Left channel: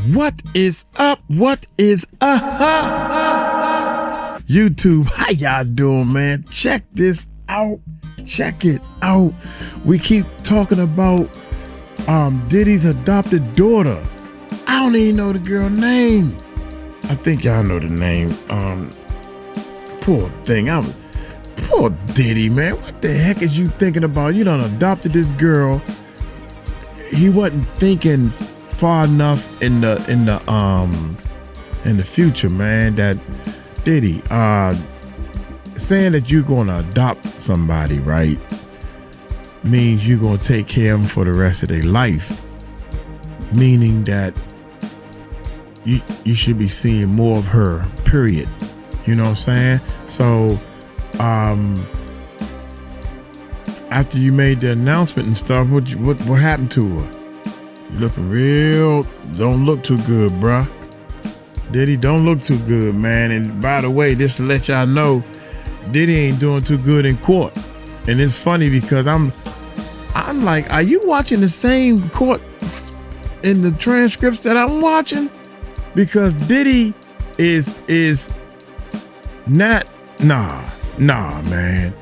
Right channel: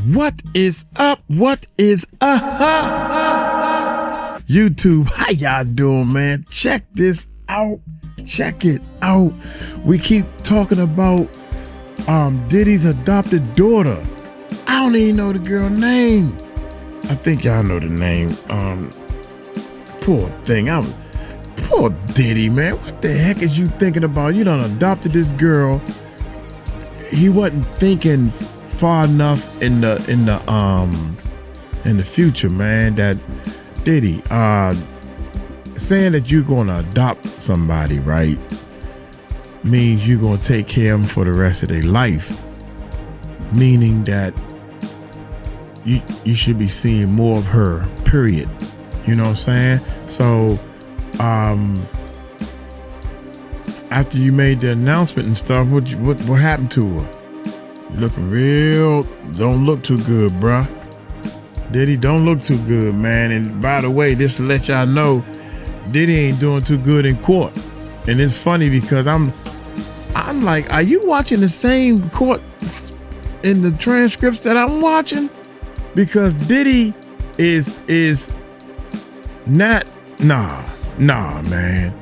What is up? What is up? YouTube, how y'all doing, man? Check this out. Check it out. We keep talking about Diddy's adopted daughter. I don't even know the girl name. I think y'all know the name. Poor thing. Poor Diddy, man. What the heck is you thinking about? You done adopted this girl. He wasn't thinking far enough in the future, man. That Diddy saying that you're gonna adopt somebody, right, means you're gonna take care of them for the rest of their life. Meaning that you should be seeing more of her, period. You know what I'm saying? So after you made the announcement and stuff, what happened to her? You looking real, don't look too good, bruh. Diddy don't look too good, man. And by the way, just to let y'all know, Diddy ain't doing too good in court. And it's funny because I'm like, are you watching the same court in the transcripts that I'm watching? Because Diddy is not, nah, man.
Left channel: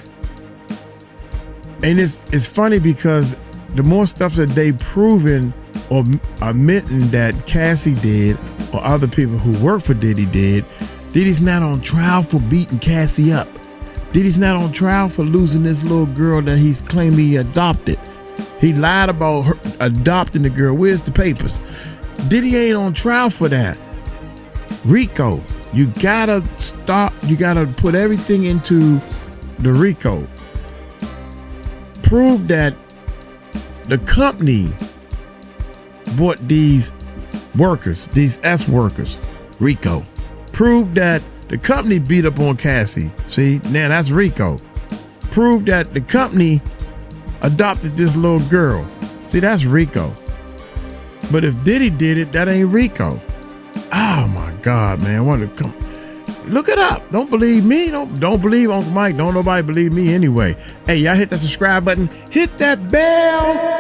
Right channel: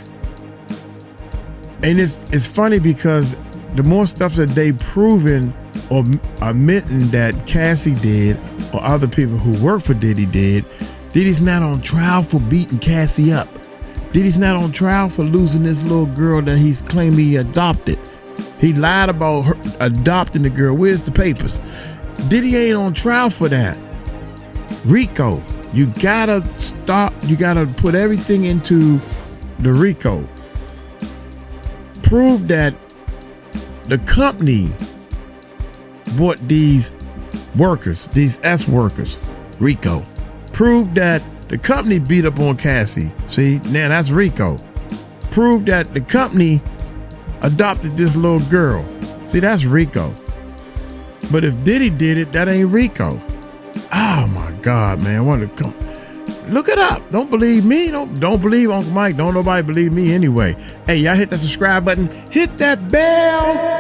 And it's funny because the more stuff that they proven or admitting that Cassie did or other people who work for Diddy did, Diddy's not on trial for beating Cassie up. Diddy's not on trial for losing this little girl that he's claiming he adopted. He lied about her adopting the girl. Where's the papers? Diddy ain't on trial for that. RICO, you gotta stop. You gotta put everything into the RICO. Prove that the company bought these workers, these S workers, RICO. Prove that the company beat up on Cassie. See, now that's RICO. Prove that the company adopted this little girl. See, that's RICO. But if Diddy did it, that ain't RICO. Oh my God, man. I want to come. Look it up. Don't believe me. Don't believe Uncle Mike. Don't nobody believe me anyway. Hey, y'all hit that subscribe button. Hit that bell.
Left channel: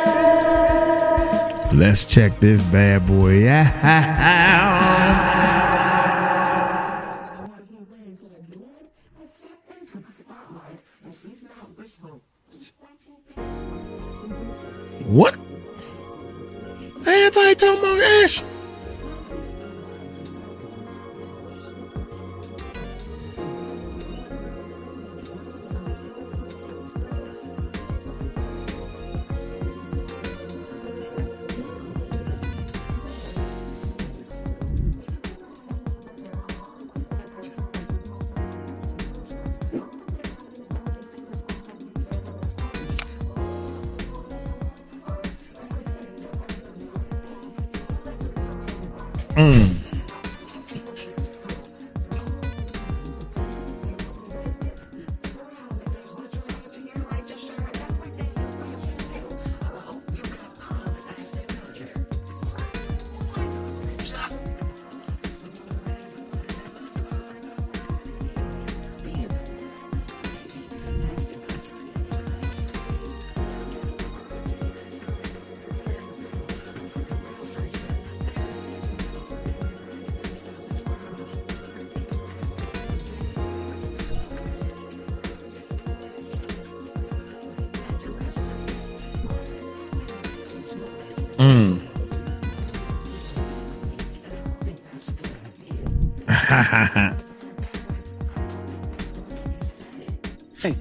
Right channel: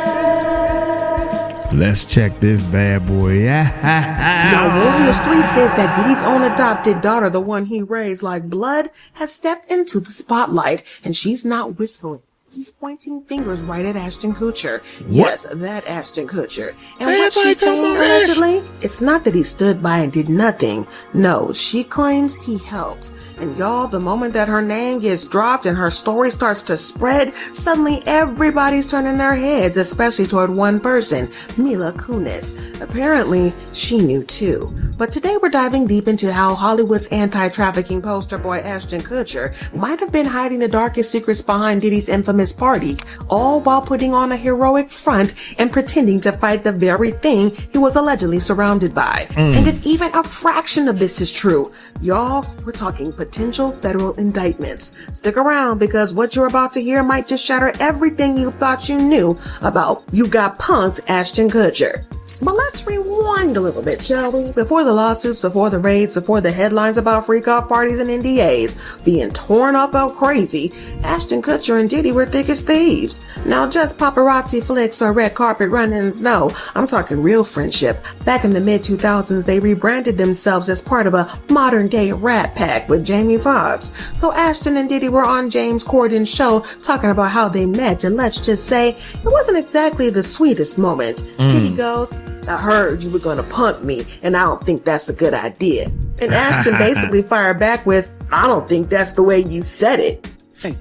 Let's check this bad boy out. Now, on the street says that Diddy's own adopted daughter, the one he raised like blood, has stepped into the spotlight, and she's not whispering. She's pointing fingers right at Ashton Kutcher. What? Yes, that Ashton Kutcher. And Hey, what she's talking saying about Ash. allegedly, it's not that he stood by and did nothing. No, she claims he helped. And y'all, the moment that her name gets dropped and her story starts to spread, suddenly everybody's turning their heads, especially toward one person, Mila Kunis. Apparently, she knew too. But today we're diving deep into how Hollywood's anti-trafficking poster boy Ashton Kutcher might have been hiding the darkest secrets behind Diddy's infamous parties, all while putting on a heroic front and pretending to fight the very thing he was allegedly surrounded by. And if even a fraction of this is true, y'all, we're talking potential federal indictments. Stick around because what you're about to hear might just shatter everything you thought you knew about You Got Punked Ashton Kutcher. But let's rewind a little bit, shall we? Before the lawsuits, before the raids, before the headlines about freak-off parties and NDAs being torn up out crazy, Ashton Kutcher and Diddy were thick as thieves. Now, just paparazzi flicks or red carpet run-ins, no. I'm talking real friendship. Back in the mid-2000s, they rebranded themselves as part of a modern-day rat pack with Jamie Foxx. So Ashton and Diddy were on James Corden's show talking about how they met, and let's just say it wasn't exactly the sweetest moment. Diddy goes, I heard you were gonna punk me, and I don't think that's a good idea. And Ashton basically fired back with, I don't think that's the way you said it. Hey.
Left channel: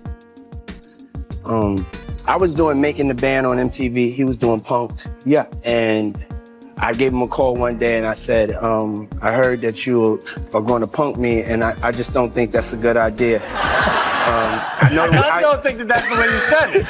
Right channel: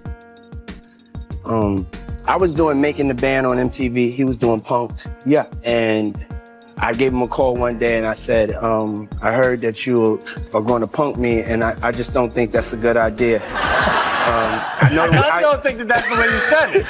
I was doing Making the Band on MTV. He was doing Punked. Yeah. And I gave him a call one day and I said, I heard that you are going to punk me, and I just don't think that's a good idea. I don't think that's the way you said it.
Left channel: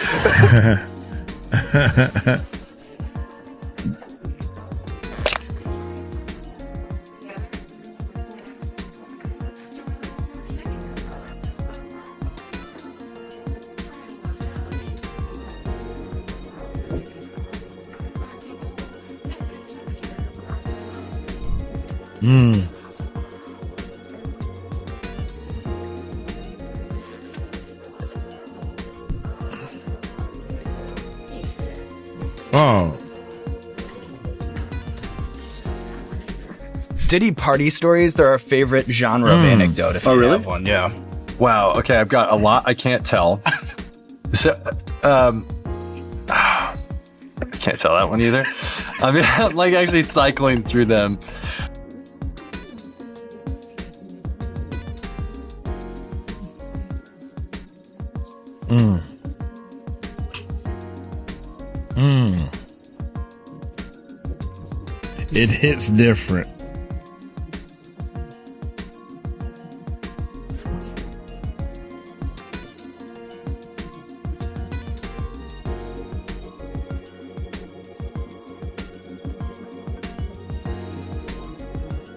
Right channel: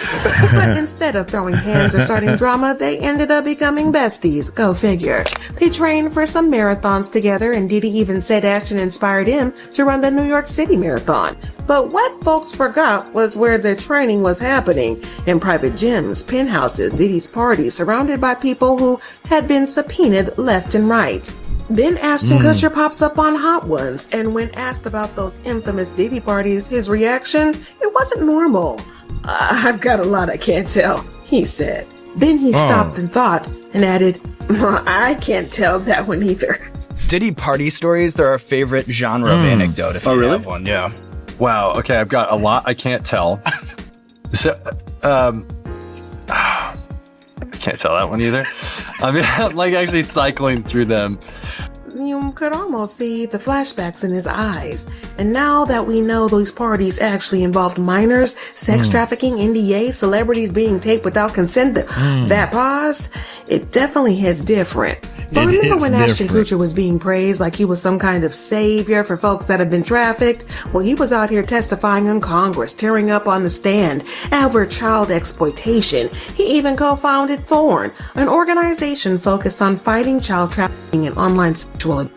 But instead of throwing hands or starting drama, they ended up becoming besties. Go figure. They trained for some marathons together, and Diddy even said Ashton inspired him to run the New York City Marathon. But what folks forgot was where the training was happening, in private gyms, penthouses, Diddy's parties, surrounded by people who had been subpoenaed left and right. Then Ashton Kutcher pops up on Hot Ones, and when asked about those infamous Diddy parties, his reaction, it wasn't normal. I've got a lot I can't tell, he said. Then he stopped and thought and added, I can't tell that one either. Diddy party stories, they're our favorite genre of anecdote, if you have one. Yeah. Wow. Okay, I've got a lot I can't tell. So, I can't tell that one either. I mean, I'm like actually cycling through them. You could almost see the flashbacks in his eyes. And now that we know those parties actually involved minors, sex trafficking, NDA, celebrities being taped without consent, that pause, it definitely hits different. But remember when Ashton Kutcher was being praised like he was some kind of savior for folks that have been trafficked? Well, he was out here testifying in Congress, tearing up on the stand over child exploitation. He even co-founded Thorn, an organization focused on fighting child trafficking and online sexual abuse.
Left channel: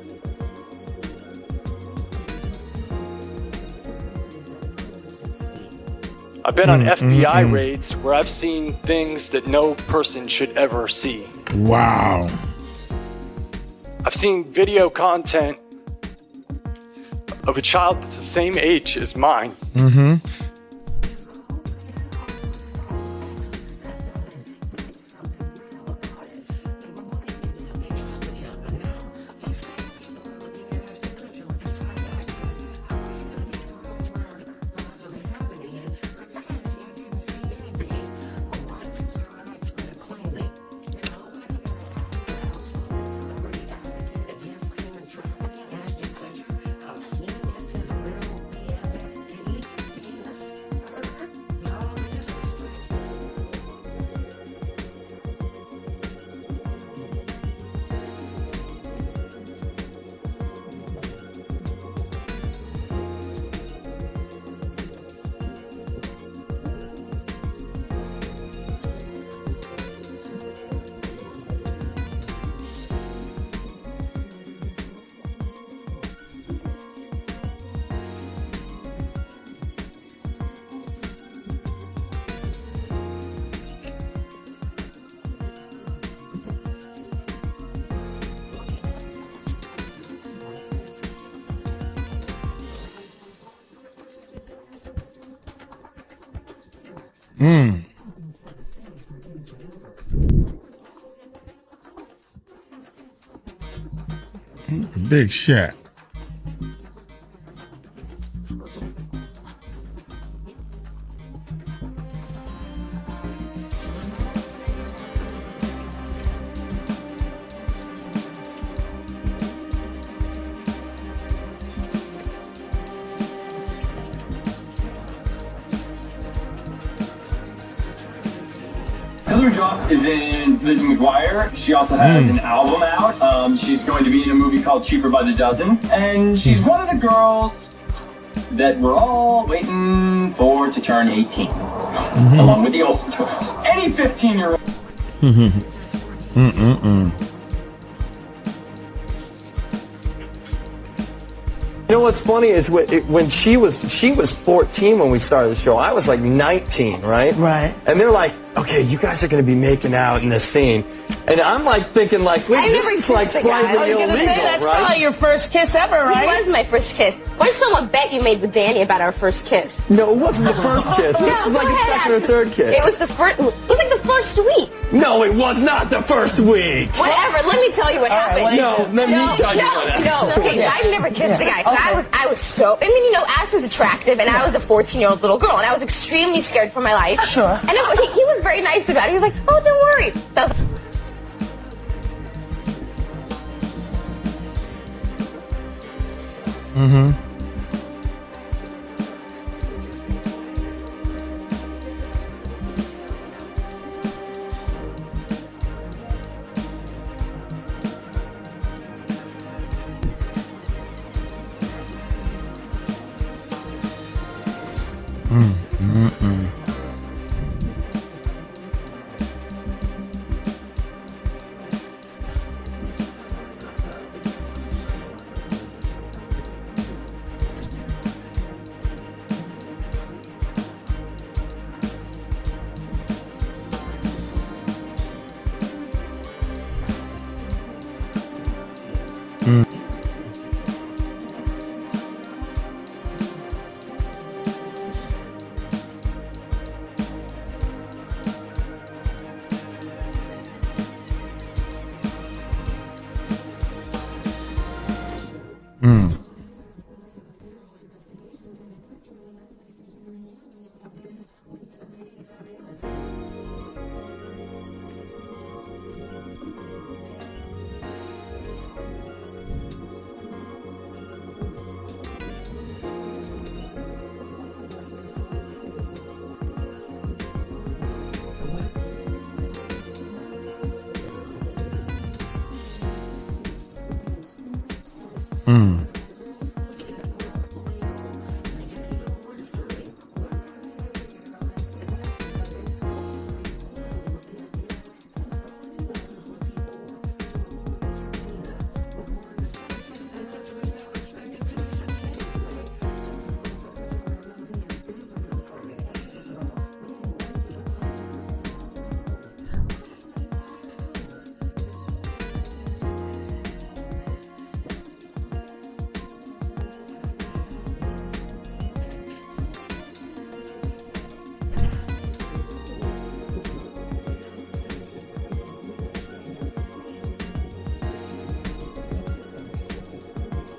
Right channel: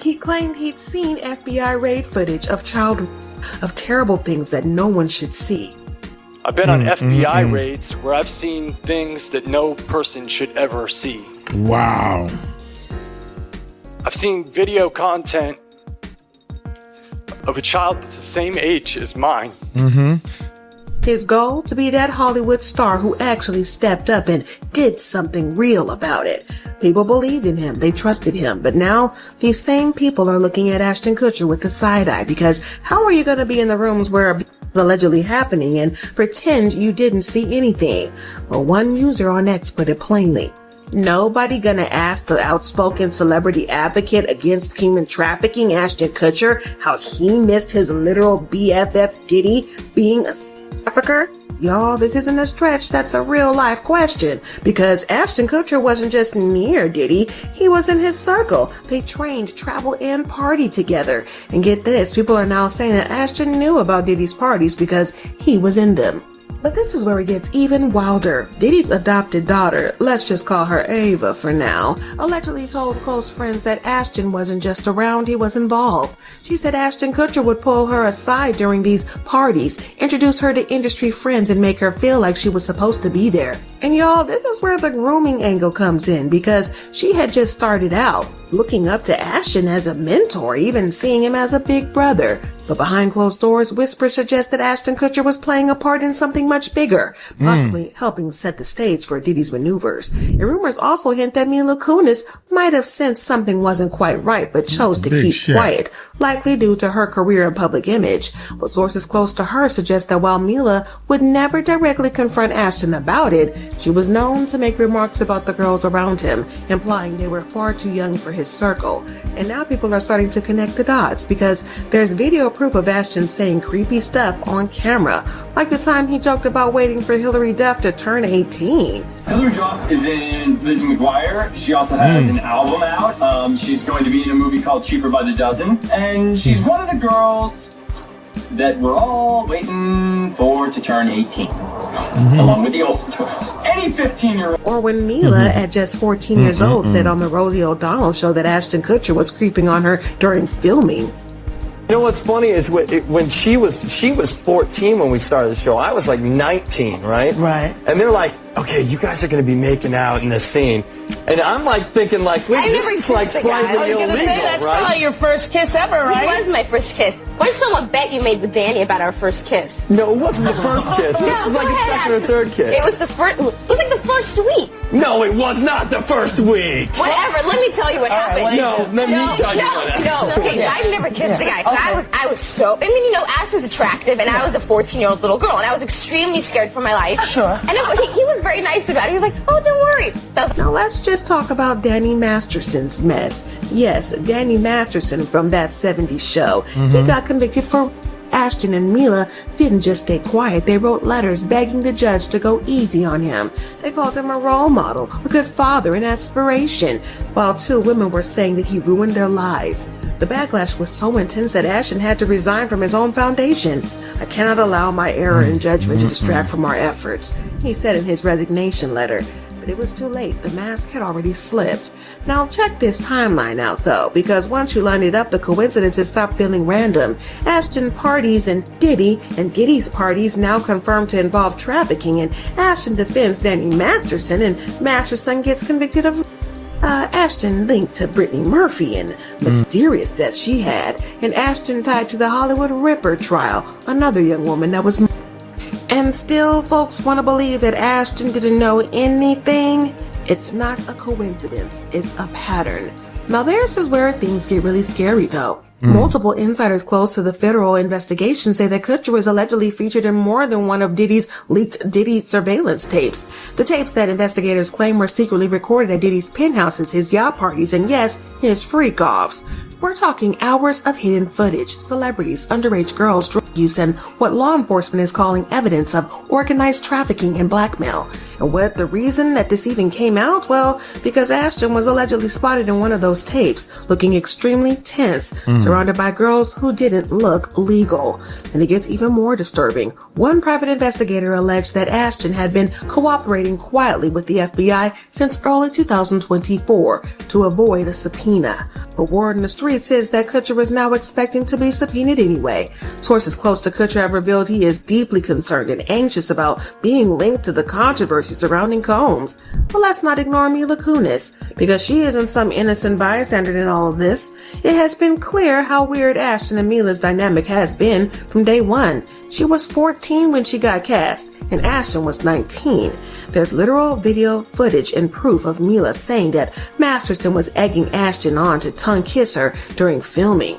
He claimed he'd seen FBI raid footage of terrible things that no one should see. I've been on FBI raids where I've seen things that no person should ever see. Wow. I've seen video content of a child that's the same age as mine. His goal, to be that Hollywood star who actually stepped up and did something real about it. People believed in him, they trusted him, but now these same people are looking at Ashton Kutcher with the side eye, because how are you going to be in the rooms where abuse is allegedly happening and pretend you didn't see anything? Well, one user on X put it plainly. Nobody gonna ask the outspoken celebrity advocate against human trafficking, Ashton Kutcher, how he missed his literal BFF Diddy being a trafficker? Y'all, this isn't a stretch, that's a real life question. Because Ashton Kutcher wasn't just near Diddy, he was in his circle. They trained, traveled, and partied together. And get this, people are now saying that Ashton knew about Diddy's parties because he was in them. But this is where it gets even wilder. Diddy's adopted daughter, let's just call her Ava for now, allegedly told close friends that Ashton wasn't just around, he was involved. She said Ashton Kutcher would pull her aside during these parties, introduce her to industry friends, and make her feel like she was supposed to be there. And y'all, this is where the grooming angle comes in, because she had just started out, looking up to Ashton as a mentor, even seeing him as a big brother. But behind closed doors, whispers suggest that Ashton Kutcher was playing a part in something much bigger, possibly helping set the stage for Diddy's maneuvers. And rumors also hint that Mila Kunis might have sensed something wasn't quite right, but chose to keep quiet, likely due to her career and public image. But sources close to her suggest that while Mila would never directly confront Ashton about it, she was known to make remarks about the girls around him, implying they were far too young for his circle. And now people are starting to connect the dots, because there's video proof of Ashton saying creepy stuff on camera, like the time he joked about waiting for Hilary Duff to turn 18. Hilary Duff is in Lizzie McGuire. She also has an album out. She's going to be in a movie called Cheaper by the Dozen. And she's one of the girls that we're all waiting for to turn 18. Along with the Olsen twins. Any 15-year-old. Or when Mila, at just 14 years old, said on the Rosie O'Donnell show that Ashton Kutcher was creeping on her during filming. You know what's funny is when she was 14 when we started the show. I was like 19, right? Right. And they're like, okay, you guys are going to be making out in this scene. And I'm like thinking like, wait, this is like slightly illegal, say, that's right? probably your first kiss ever, right? It was my first kiss. What if someone bet you made with Danny about our first kiss? No, it wasn't the first kiss. No, It was like a second or third kiss. It was like the first week. No, it was not the first week. Whatever. Let me tell you what happened. Let me tell you what happened. No. Okay, so I've never kissed a guy. So I was so. I mean, Ash was attractive, and I was a 14-year-old little girl, and I was extremely scared for my life. Sure. And he was very nice about it. He was like, "Oh, don't worry." So I was like, Now let's just talk about Danny Masterson's mess. Yes, Danny Masterson from that 70s show. He got convicted for Ashton and Mila didn't just stay quiet. They wrote letters begging the judge to go easy on him. They called him a role model, a good father, an aspiration, while two women were saying that he ruined their lives. The backlash was so intense that Ashton had to resign from his own foundation. I cannot allow my error in judgment to distract from our efforts, he said in his resignation letter. But it was too late. The mask had already slipped. Now check this timeline out though, because once you line it up, the coincidences stop feeling random. Ashton parties and Diddy's parties now confirmed to involve trafficking, and Ashton defends Danny Masterson, and Masterson gets convicted of Ashton linked to Britney Murphy and mysterious death she had, and Ashton tied to the Hollywood Ripper trial, another young woman that was. And still, folks want to believe that Ashton didn't know anything. It's not a coincidence, it's a pattern. Now this is where things get really scary though. Multiple insiders close to the federal investigation say that Kutcher was allegedly featured in more than one of Diddy's leaked Diddy surveillance tapes. The tapes that investigators claim were secretly recorded at Diddy's penthouses, his yacht parties, and yes, his freak-offs. We're talking hours of hidden footage, celebrities, underage girls, drug use, and what law enforcement is calling evidence of organized trafficking and blackmail. And what the reason that this even came out? Well, because Ashton was allegedly spotted in one of those tapes, looking extremely tense, surrounded by girls who didn't look legal. And it gets even more disturbing. One private investigator alleged that Ashton had been cooperating quietly with the FBI since early 2024 to avoid a subpoena. But word in the street says that Kutcher was now expecting to be subpoenaed anyway. Sources close to Kutcher have revealed he is deeply concerned and anxious about being linked to the controversy surrounding Combs. But let's not ignore Mila Kunis, because she isn't some innocent bystander in all of this. It has been clear how weird Ashton and Mila's dynamic has been from day one. She was 14 when she got cast, and Ashton was 19. There's literal video footage and proof of Mila saying that Masterson was egging Ashton on to tongue kiss her during filming.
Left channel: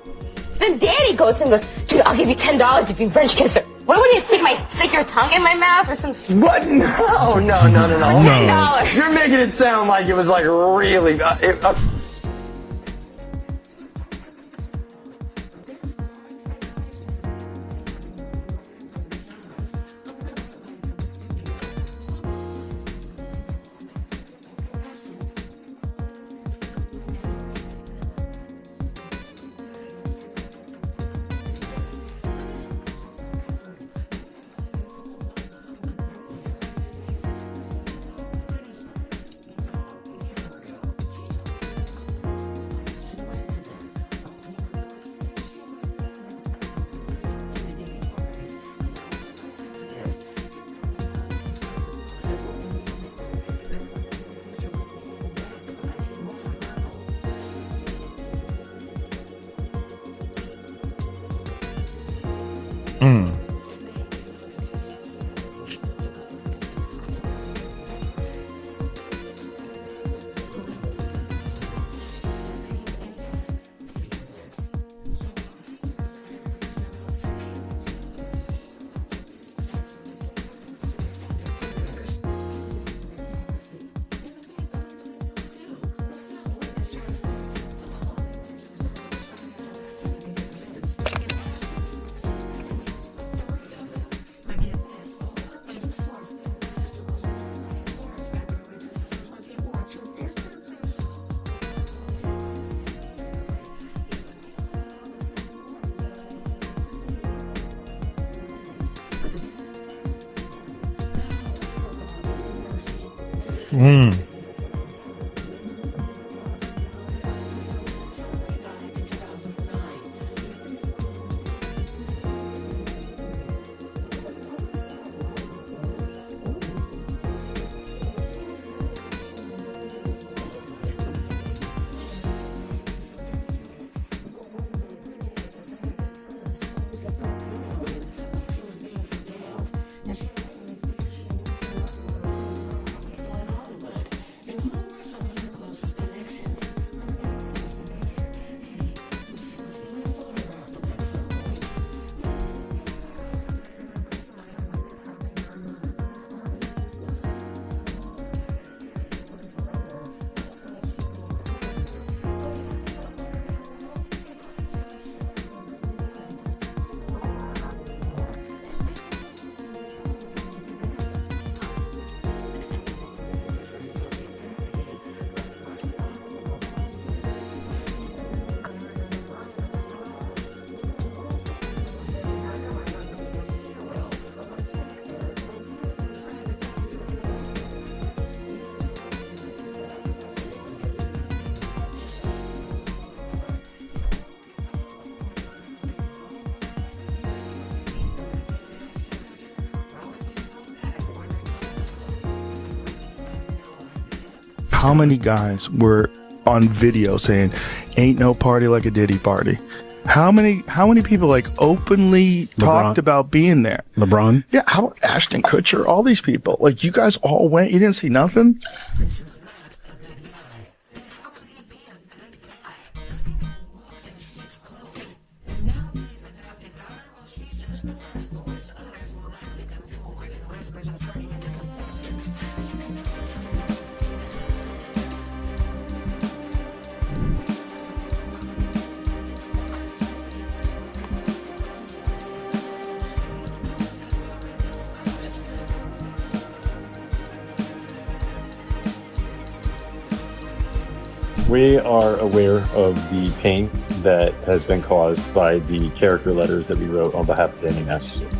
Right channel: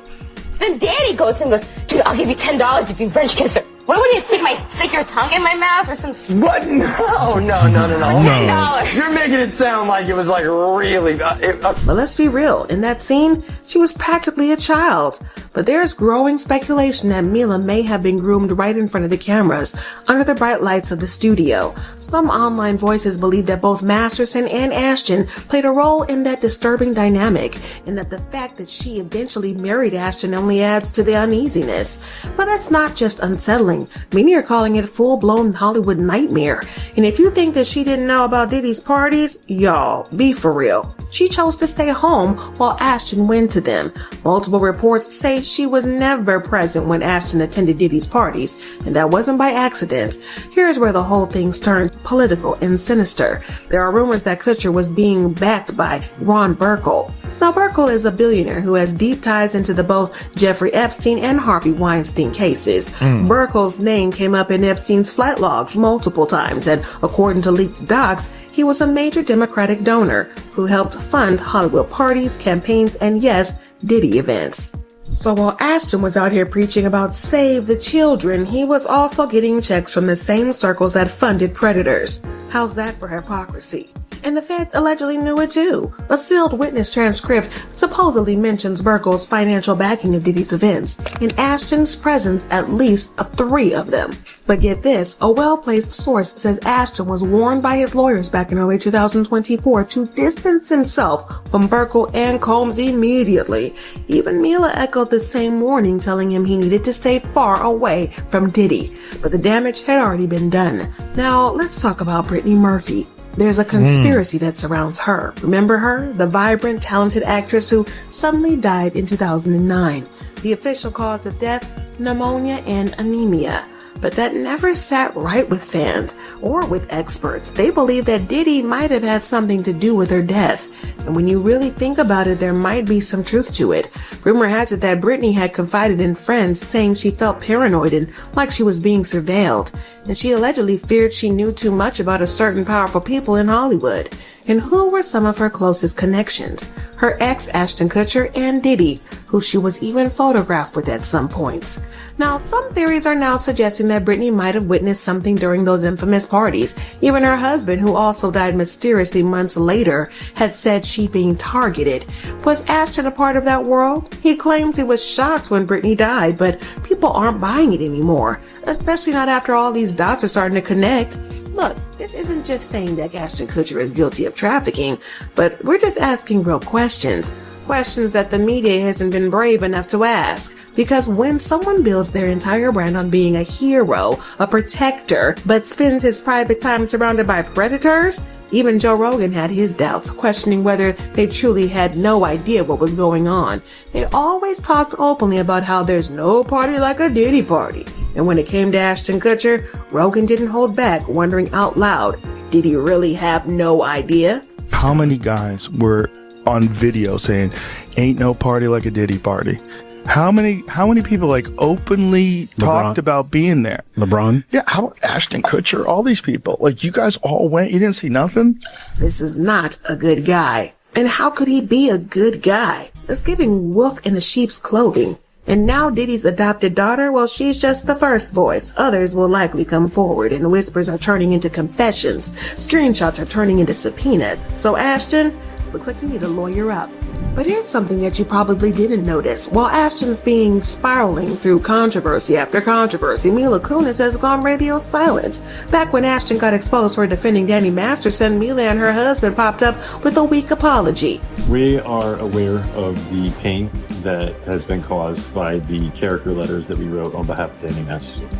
Then Daddy goes and goes, dude, I'll give you $10 if you French kiss her. What would you stick your tongue in my mouth or some? What? No. $10. You're making it sound like it was like really. But let's be real. In that scene, she was practically a child. But there's growing speculation that Mila may have been groomed right in front of the cameras, under the bright lights of the studio. Some online voices believe that both Masterson and Ashton played a role in that disturbing dynamic, and that the fact that she eventually married Ashton only adds to the uneasiness. But that's not just unsettling. Many are calling it a full-blown Hollywood nightmare. And if you think that she didn't know about Diddy's parties, y'all, be for real. She chose to stay home while Ashton went to them. Multiple reports say she was never present when Ashton attended Diddy's parties, and that wasn't by accident. Here's where the whole thing's turned political and sinister. There are rumors that Kutcher was being backed by Burl. Now, Burl is a billionaire who has deep ties into the both Jeffrey Epstein and Harvey Weinstein cases. Burl's name came up in Epstein's flight logs multiple times, and according to leaked docs, he was a major Democratic donor who helped fund Hollywood parties, campaigns, and yes, Diddy events. So while Ashton was out here preaching about save the children, he was also getting checks from the same circles that funded predators. How's that for hypocrisy? And the feds allegedly knew it too. A sealed witness transcript supposedly mentions Burl's financial backing of Diddy's events, and Ashton's presence at least of 3 of them. But get this, a well-placed source says Ashton was warned by his lawyers back in early 2024 to distance himself from Burl and Combs immediately. Even Mila echoed the same warning, telling him he needed to stay far away from Diddy. But the damage had already been done. Now, let's talk about Britney Murphy. There's a conspiracy that surrounds her. Remember her? The vibrant, talented actress who suddenly died in 2009. The official cause of death, pneumonia and anemia. But that never sat right with fans or with experts. They believe that Diddy might have had something to do with her death. And when you really think about it, there might be some truth to it. Rumor has it that Britney had confided in friends, saying she felt paranoid and like she was being surveilled. And she allegedly feared she knew too much about a certain powerful people in Hollywood. And who were some of her closest connections? Her ex, Ashton Kutcher, and Diddy, who she was even photographed with at some points. Now, some theories are now suggesting that Britney might have witnessed something during those infamous parties. Even her husband, who also died mysteriously months later, had said she being targeted. Was Ashton a part of that world? He claims he was shocked when Britney died, but people aren't buying it anymore, especially not after all these dots are starting to connect. Look, this isn't just saying that Ashton Kutcher is guilty of trafficking, but we're just asking real questions. Questions that the media hasn't been brave enough to ask. Because when someone builds their entire brand on being a hero, a protector, but spends his private time surrounded by predators, even Joe Rogan had his doubts, questioning whether they truly had no idea what was going on. They always talked openly about how there's no party like a Diddy party. And when it came to Ashton Kutcher, Rogan didn't hold back, wondering out loud, did he really have no idea? How many guys were on video saying, ain't no party like a Diddy party? How many people like openly talked about being there? LeBron? Yeah, how Ashton Kutcher, all these people. Like, you guys all went, you didn't see nothing? This is not a good guy. And how could he be a good guy? It's giving wolf in the sheep's clothing. And now Diddy's adopted daughter, well, she's just the first voice. Others will likely come forward, and whispers are turning into confessions. Screenshots are turning into subpoenas. So Ashton, looks like you need to lawyer up. But here's something that you probably didn't notice. While Ashton's being spiraling through controversy after controversy, Mila Kunis has gone radio silent. Back when Ashton got exposed for defending Danny Masterson, Mila and her husband popped up with a weak apology. We are aware of the pain that has been caused by the character letters that we wrote on behalf of Danny Masterson.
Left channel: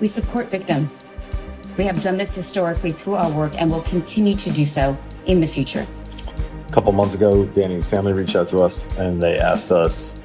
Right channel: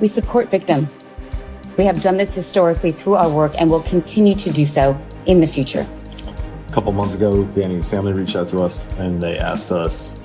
We support victims. We have done this historically through our work and will continue to do so in the future. A couple months ago, Danny's family reached out to us and they asked us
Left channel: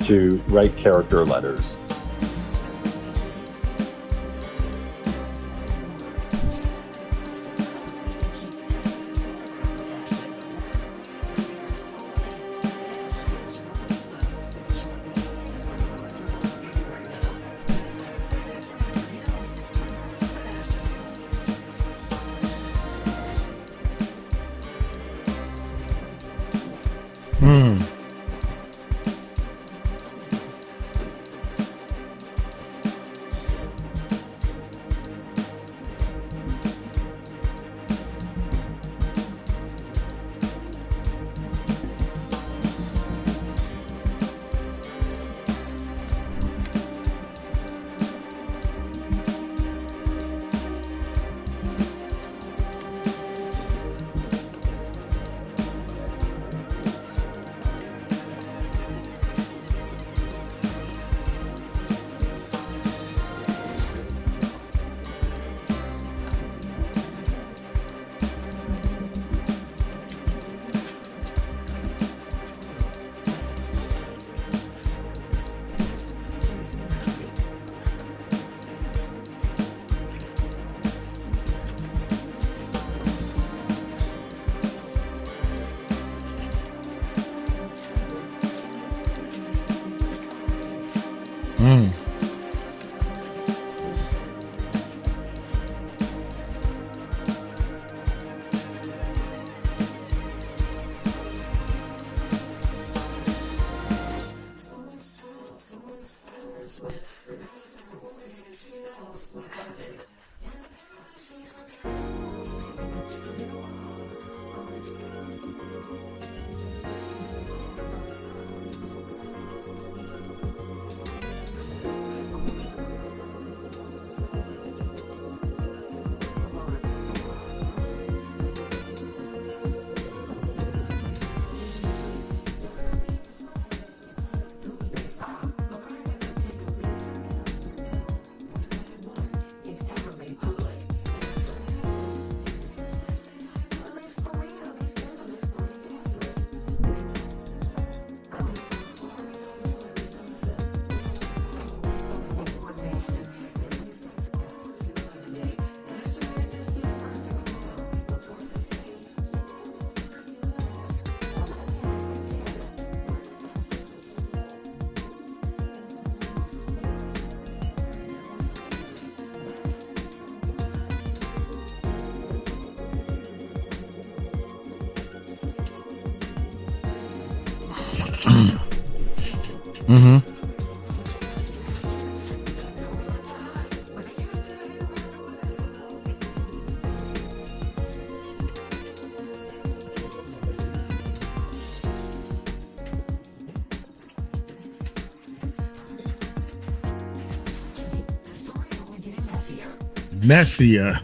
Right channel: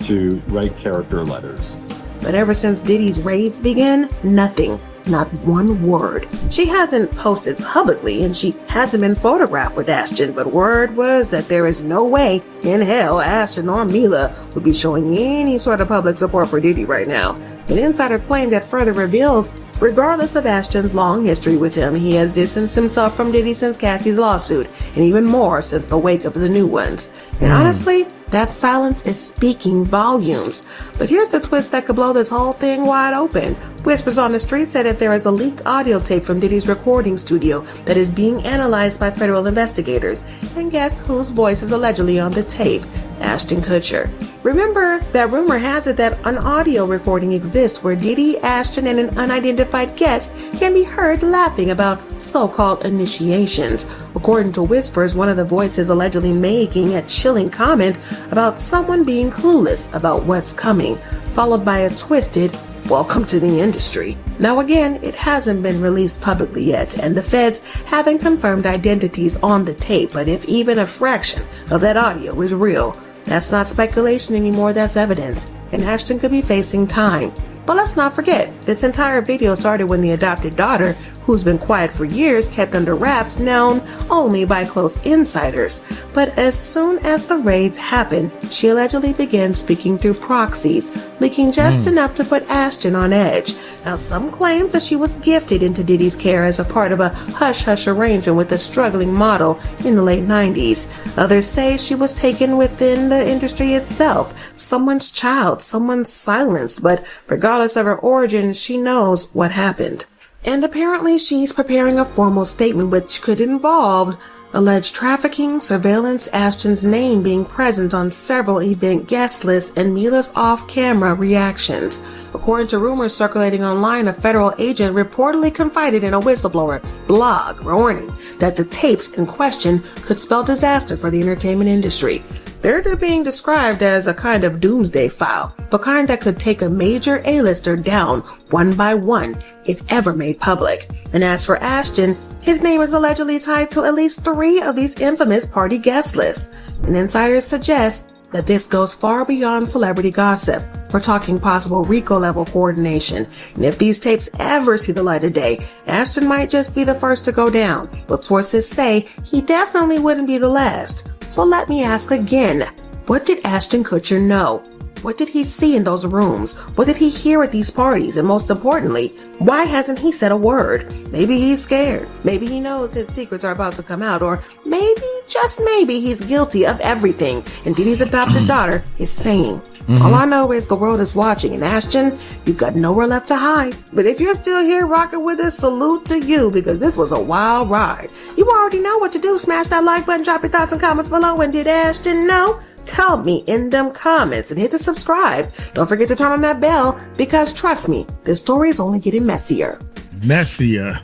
to write character letters. But ever since Diddy's raids began, nothing. Not one word. She hasn't posted publicly and she hasn't been photographed with Ashton, but word was that there is no way in hell Ashton or Mila would be showing any sort of public support for Diddy right now. An insider claimed that further revealed, regardless of Ashton's long history with him, he has distanced himself from Diddy since Cassie's lawsuit, and even more since the wake of the new ones. And honestly, that silence is speaking volumes. But here's the twist that could blow this whole thing wide open. Whispers on the street said that there is a leaked audio tape from Diddy's recording studio that is being analyzed by federal investigators. And guess whose voice is allegedly on the tape? Ashton Kutcher. Remember that rumor has it that an audio recording exists where Diddy, Ashton, and an unidentified guest can be heard laughing about so-called initiations. According to whispers, one of the voices allegedly making a chilling comment about someone being clueless about what's coming, followed by a twisted welcome to the industry. Now again, it hasn't been released publicly yet, and the feds haven't confirmed identities on the tape, but if even a fraction of that audio is real, that's not speculation anymore, that's evidence, and Ashton could be facing time. But let's not forget, this entire video started when the adopted daughter, who's been quiet for years, kept under wraps, known only by close insiders. But as soon as the raids happened, she allegedly began speaking through proxies, leaking just enough to put Ashton on edge. Now, some claims that she was gifted into Diddy's care as a part of a hush-hush arrangement with a struggling model in the late 90s. Others say she was taken within the industry itself, someone's child, someone's silenced, but regardless of her origin, she knows what happened. And apparently she's preparing a formal statement which could involve alleged trafficking, surveillance, Ashton's name being present on several event guest lists, and Mila's off-camera reactions. According to rumors circulating online, a federal agent reportedly confided in a whistleblower blog warning that the tapes in question could spell disaster for the entertainment industry. They're being described as a kind of doomsday file, the kind that could take a major A-lister down one by one if ever made public. And as for Ashton, his name is allegedly tied to at least 3 of these infamous party guest lists. And insiders suggest that this goes far beyond celebrity gossip. We're talking possible RICO-level coordination. And if these tapes ever see the light of day, Ashton might just be the first to go down. But sources say he definitely wouldn't be the last. So let me ask again, what did Ashton Kutcher know? What did he see in those rooms? What did he hear at these parties? And most importantly, why hasn't he said a word? Maybe he's scared. Maybe he knows his secrets are about to come out. Or maybe, just maybe, he's guilty of everything and Diddy's adopted daughter is saying. All I know is the world is watching, and Ashton, you've got nowhere left to hide. But if you're still here rocking with us, salute to you, because this was a wild ride. You already know what to do. Smash that like button, drop your thoughts and comments below. And did Ashton know? Tell me in them comments, and hit the subscribe. Don't forget to turn on that bell, because trust me, this story is only getting messier. Messier.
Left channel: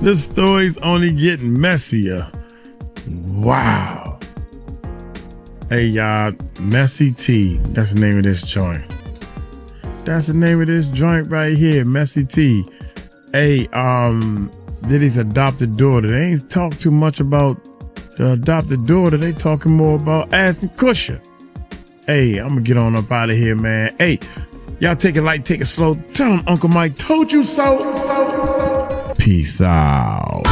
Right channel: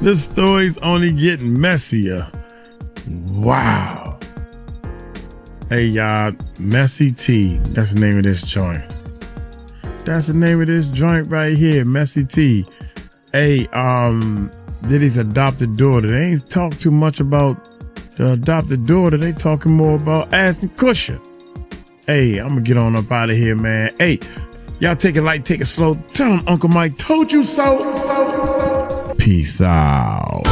This story's only getting messier. Wow. Hey, y'all, Messy T. That's the name of this joint. That's the name of this joint right here, Messy T. Hey, Diddy's adopted daughter. They ain't talk too much about the adopted daughter. They talking more about Ashton Kutcher. Hey, I'm gonna get on up out of here, man. Hey, y'all take it light, take it slow. Tell them Uncle Mike told you so. Peace out.